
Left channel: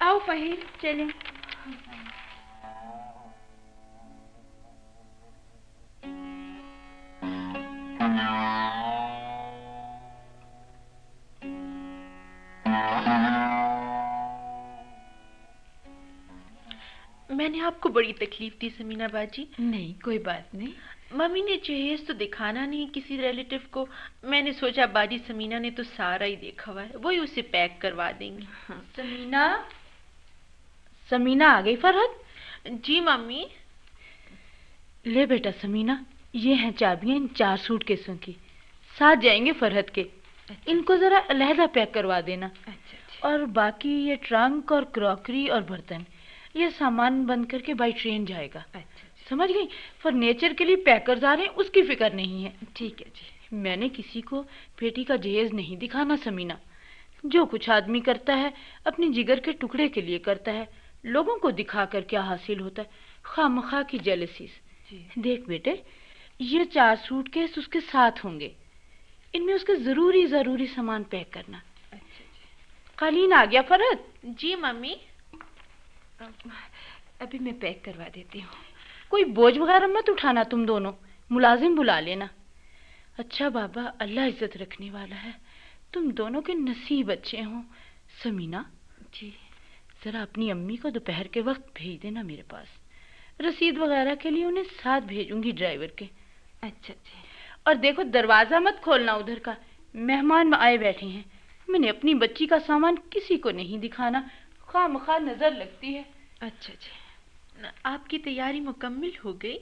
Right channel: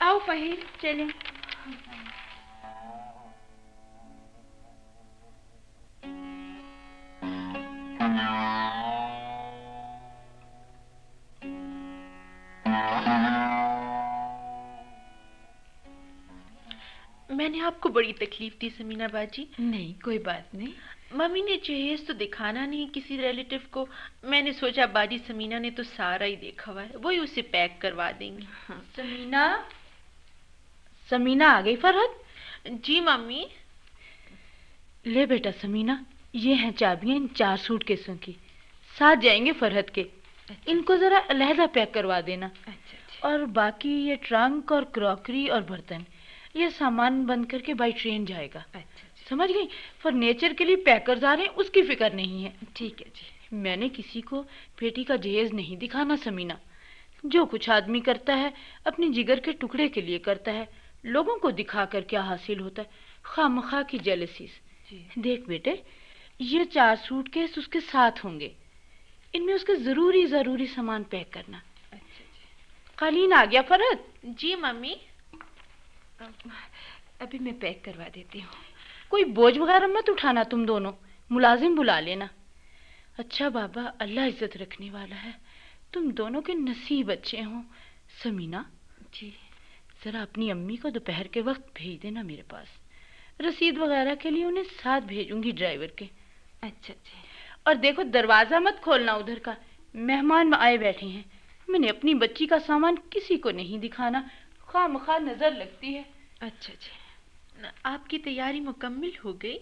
आओ फहीम चलें। मैंने आपको बड़ी तकलीफ दी समीना बाजी। नहीं कोई बात नहीं। मम्मी ने जहेज तो दिखाना नहीं किसी रिलेटिव को, मैंने सोचा बाजी समीना ने तो सारा ही देखा हुआ है, वही उसे पैक करवा देंगे। समीना समीना आ गई फरहत? जी मम्मी। ले बेटा समीना, ये हैं चाबियां इन 4 सूटकेसों की, साथ जाएंगे फरहत के। इनको जरा अलहदा पैक करवा देना। और बाकी ये ट्रंक और क्रॉकरी और बर्तन, ये सामान बंद करके बाई ट्रेन जाएगा। समझ गई? फर्नीचर के लिए पैकर्स आ रहे हैं, उसकी फिक्र नहीं है। ठीक है जी। मैंने किसी को बेटी का जहेज नहीं दिखाना समीना। जो कुछ आदमी करता है अपने जिगर के टुकड़े के लिए करता है, लोगों को दिखा कर क्या हासिल होता है? खामखा की जेलसीज। देख बेटे, ये 4 सूटकेस उसके साथ होंगे, इनमें उसके जरूरी सामान पैक करना। कालीन आ गया फरहत? जी मम्मी। अभी मैं पैक करवा देती हूँ। कोई बोझ वगैरह मत उठाना, तुम दोनों मुलाजिम बुला लेना। अच्छा बाबा, अल्लाह इज्जत रखने वाला है, तुम दोनों के नसीब अच्छे हों। समीना जी, जरा अपनी अम्मी को दोपहर के वक्त भेज देना मेरे पास। रसीद वगैरह के लिए उन्हें साथ भेजूंगी ड्राइवर के। अच्छा जी। और देखो दरवाजा मत खोलना उधर का, मेहमान आए बैठे हैं। मैंने अपनी बच्ची का सामान किसी को नहीं दिखाना, खामखा नजर लगती है। अच्छा जी। आपकी तैयारी मुकम्मल हो गई?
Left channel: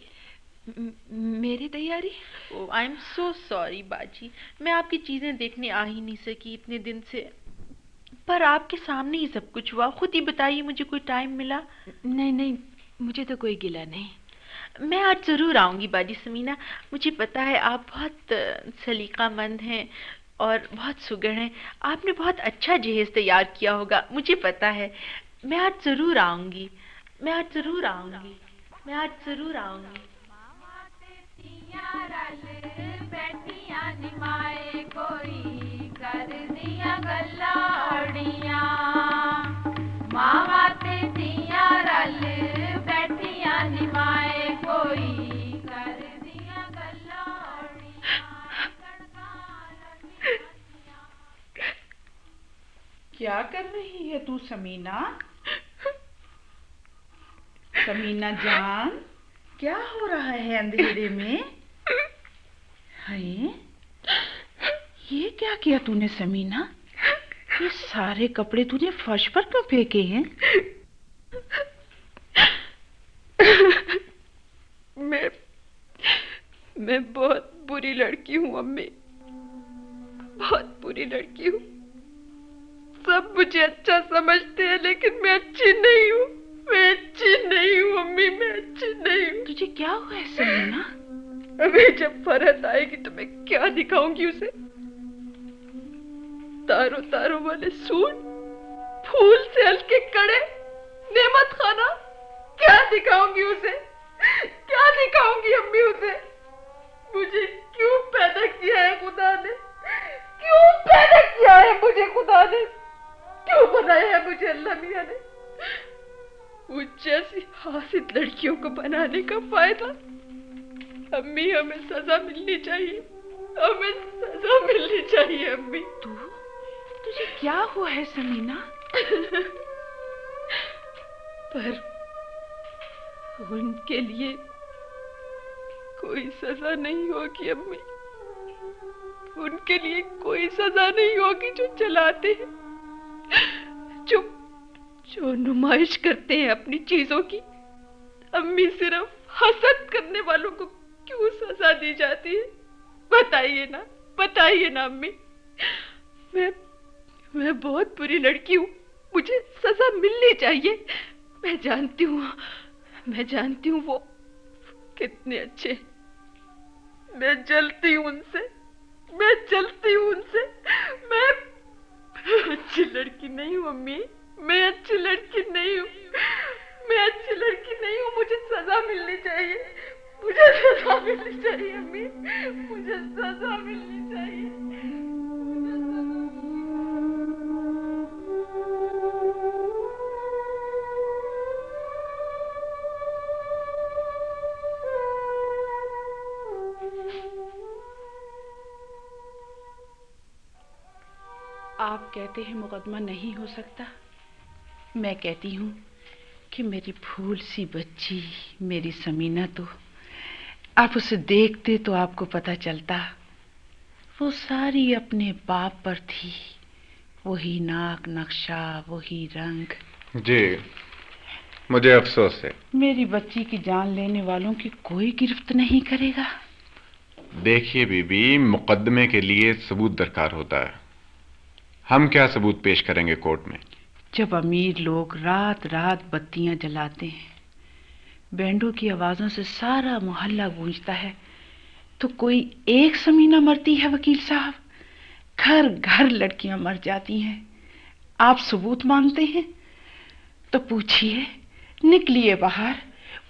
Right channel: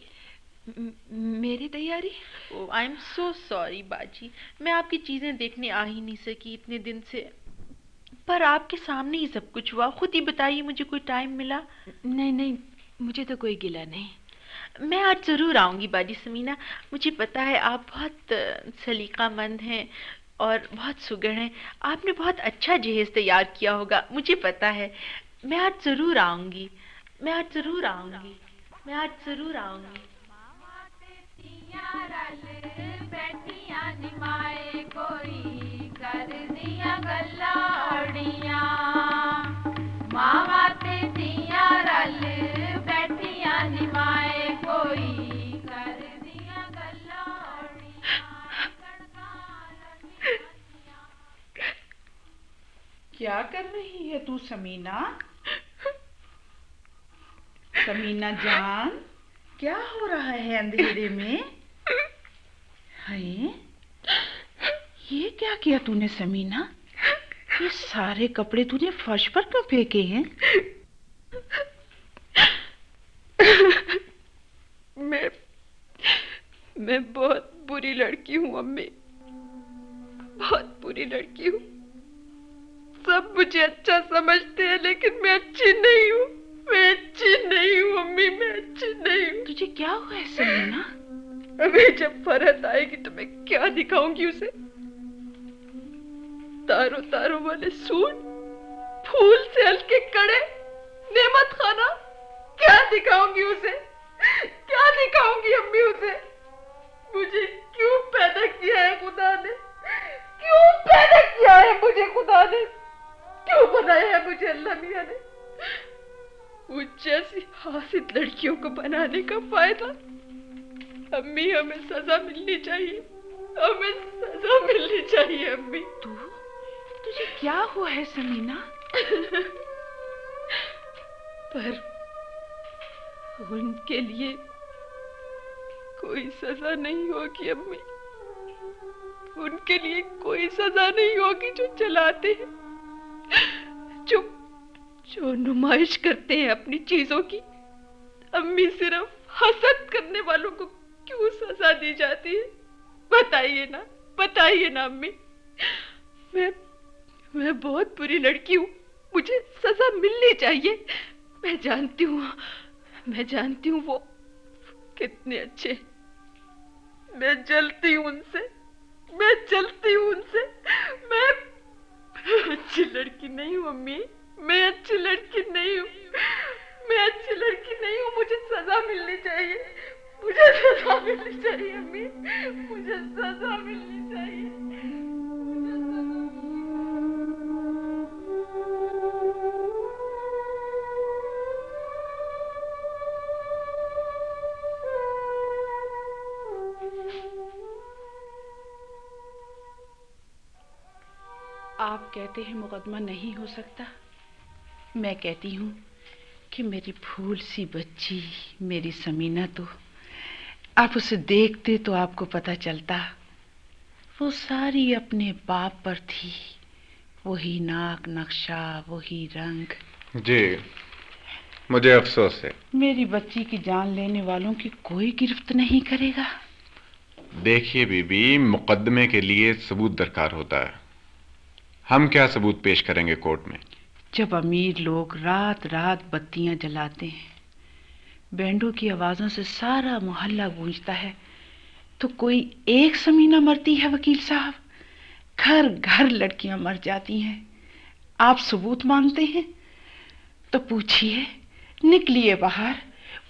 मेरी तैयारी? ओह आई एम सो सॉरी बाजी, मैं आपकी चीजें देखने आ ही नहीं सकी इतने दिन से, पर आपके सामने ही सब कुछ हुआ। खुद ही बताइए, मुझे कोई टाइम मिला? नहीं, मुझे तो कोई गिला नहीं। मैं आज जरूर आऊंगी बाजी समीना। मुझे पता है आप बहुत सलीकामंद हैं और बहुत सुघड़ हैं, आपने बहुत अच्छा जहेज तैयार किया होगा, मुझे पता है। मैं आज जरूर आऊंगी। क्या कर रही है तू समीना? समीना जान, क्या हो रहा है अंधेरे में? हैं? ये क्या किया तूने समीना? ये सारे कपड़े तूने फर्श पर क्यों फेंके हैं? मैं बहुत बुरी लड़की हूँ अम्मी, बहुत बुरी लड़की हूँ। सब मुझे अच्छा समझते हैं लेकिन मैं अच्छी नहीं हूँ। मैं अच्छी नहीं हूँ अम्मी, मैं अच्छी नहीं हूँ। तुझे क्या हुआ है समीना? अभी जब फरहत आएगी तो मैं क्या दिखाऊंगी उसे? तारों वाले सूट, फूल से हल्के कड़े, नेमत खाना, क्या दिखाऊंगी उसे? क्या दिखाऊंगी अम्मी उसे? मुझे क्यों पैदा किया है खुदा ने? क्यों पैदा किया है मुझे खुदा ने? क्यों बनाया है मुझे अल्लाह मियां ने? मुझ जैसी हासिद लड़कियों को बनाने का फायदा? अम्मी, हमें सजा मिलनी चाहिए, हमें सजा मिलनी चाहिए अम्मी। तुझे क्या हुआ है समीना? पर उनके लिए कोई सजा नहीं होगी अम्मी, उनके लिए कोई सजा नहीं होगी जो जलाते हैं, जो नुमाइश करते हैं अपनी चीजों की। अम्मी, सिर्फ हसद करने वालों को क्यों सजा दी जाती है? बताइए ना अम्मी। मैं बहुत बुरी लड़की हूँ, मुझे सजा मिलनी चाहिए। मैं जानती हूँ वो कितने अच्छे। मैं जलती हूँ उनसे। मैं अच्छी लड़की नहीं हूँ अम्मी, मैं अच्छी लड़की नहीं हूँ। मुझे सजा मिलनी चाहिए, अम्मी, मुझे सजा मिलनी चाहिए। आप कहते हैं मुकदमा नहीं हो सकता, मैं कहती हूँ कि मेरी फूल सी बच्ची मेरी समीना, तो आप उसे देखते तो आपको पता चलता वो सारी अपने बाप पर थी। वही नाक नक्शा, वही रंग। जी, मुझे अफसोस है। मेरी बच्ची की जान लेने वालों की कोई गिरफ्त नहीं करेगा। देखिए बीबी, मुकदमे के लिए सबूत दरकार होता है। हम क्या सबूत पेश करेंगे कोर्ट में? जब अमीर लोग रात रात बत्तियां जलाते हैं, बैंडों की आवाजों से सारा मोहल्ला गूंजता है, तो कोई एक समीना मरती है वकील साहब? घर घर लड़कियां मर जाती हैं। आप सबूत मांगते हैं तो पूछिए, निकलिए बाहर,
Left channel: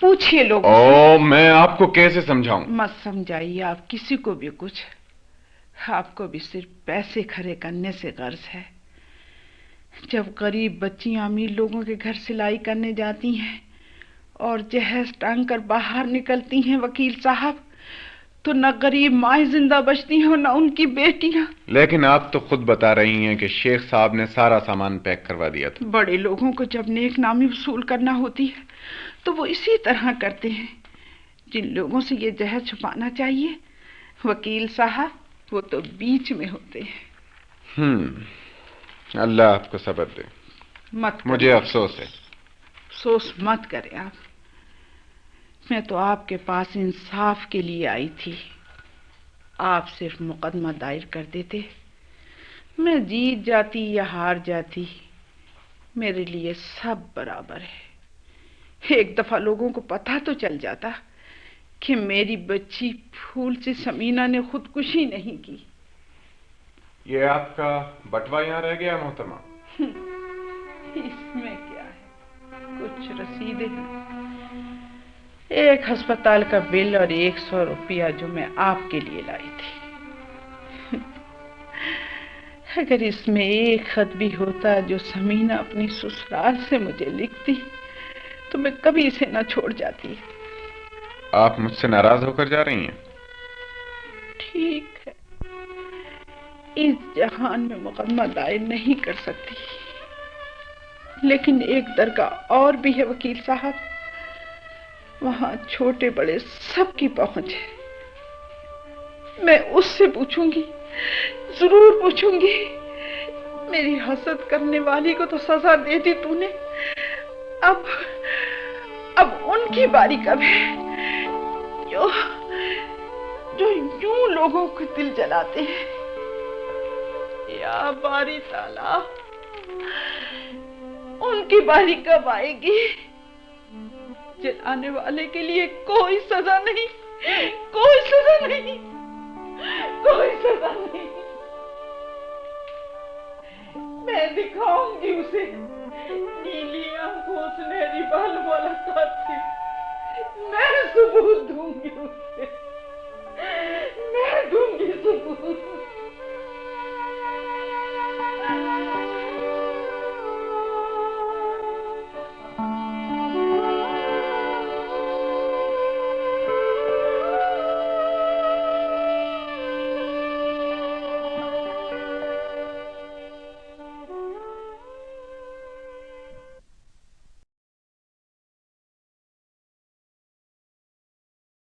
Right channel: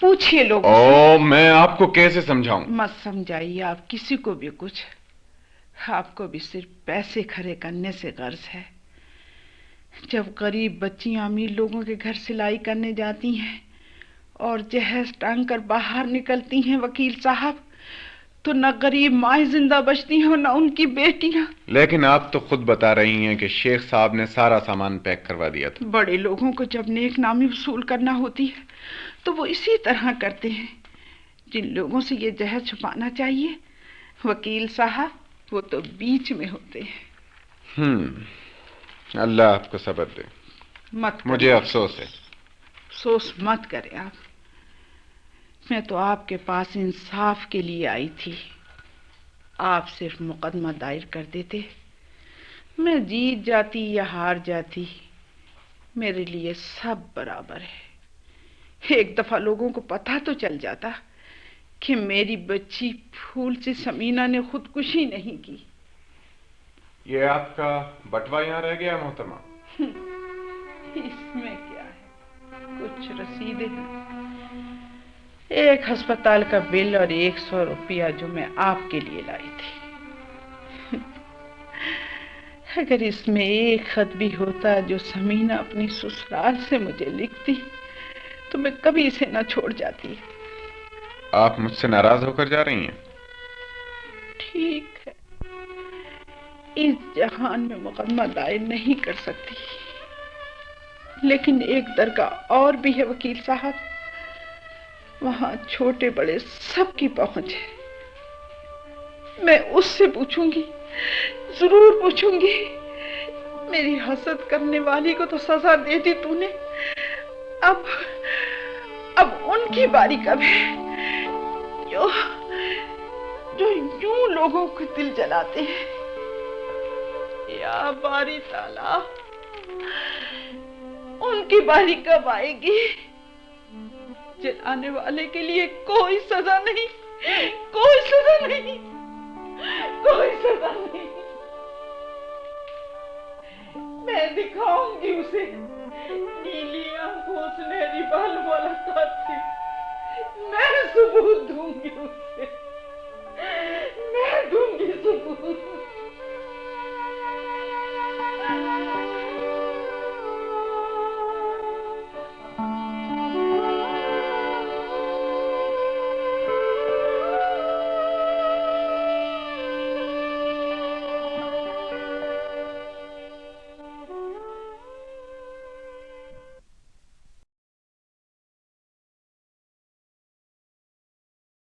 पूछिए लोगों से। मैं आपको कैसे समझाऊं? मत समझाइए आप किसी को भी कुछ। आपको भी सिर्फ पैसे खरे करने से गर्ज है। जब गरीब बच्चियां अमीर लोगों के घर सिलाई करने जाती हैं और जहेज टांग कर बाहर निकलती हैं वकील साहब, तो न गरीब माएँ जिंदा बचती हैं और न उनकी बेटियां। लेकिन आप तो खुद बता रही हैं कि शेख साहब ने सारा सामान पैक करवा दिया था। बड़े लोगों को जब नेक नामी वसूल करना होती है तो वो इसी तरह करते हैं। जिन लोगों से ये जहर छुपाना चाहिए वकील साहब, वो तो बीच में होते हैं। अल्लाह आपको सब्र दे। मुझे अफसोस है। अफसोस मत करें आप। मैं तो आपके पास इंसाफ के लिए आई थी। आप सिर्फ मुकदमा दायर कर देते, मैं जीत जाती या हार जाती, मेरे लिए सब बराबर है। एक दफा लोगों को पता तो चल जाता कि मेरी बच्ची फूल सी समीना ने खुदकुशी नहीं की। ये आपका बटवा यहाँ रह गया मोहतरमा? इसमें क्या है, कुछ रसीदें हैं, एक अस्पताल का बिल और 100 रुपया जो मैं आपके लिए लाई थी। अगर इसमें एक खत भी होता जो समीना अपनी ससुराल से मुझे लिखती, तो मैं कभी इसे न छोड़ जाती। आप मुझसे नाराज होकर जा रही हैं? ठीक है, इस जहान में मुकदमा दायर नहीं कर सकती, लेकिन एक दरगाह और भी है वकील साहब, वहां छोटे बड़े सबकी पहुंच है। मैं उससे पूछूंगी, जरूर पूछूंगी। मेरी हसद करने वाली को तो सजा दे दी तूने, अब उनकी बारी कब है जो यूं लोगों को दिल जलाते हैं। या बारी ताला, उनकी बारी कब आएगी? जलाने वाले के लिए कोई सजा नहीं, कोई सजा नहीं, कोई सजा नहीं। मैं दिखाऊंगी उसे नीली आंखों, सुनहरी बाल वाला कातिल। मैं सबूत दूंगी उसे, मैं दूंगी सबूत।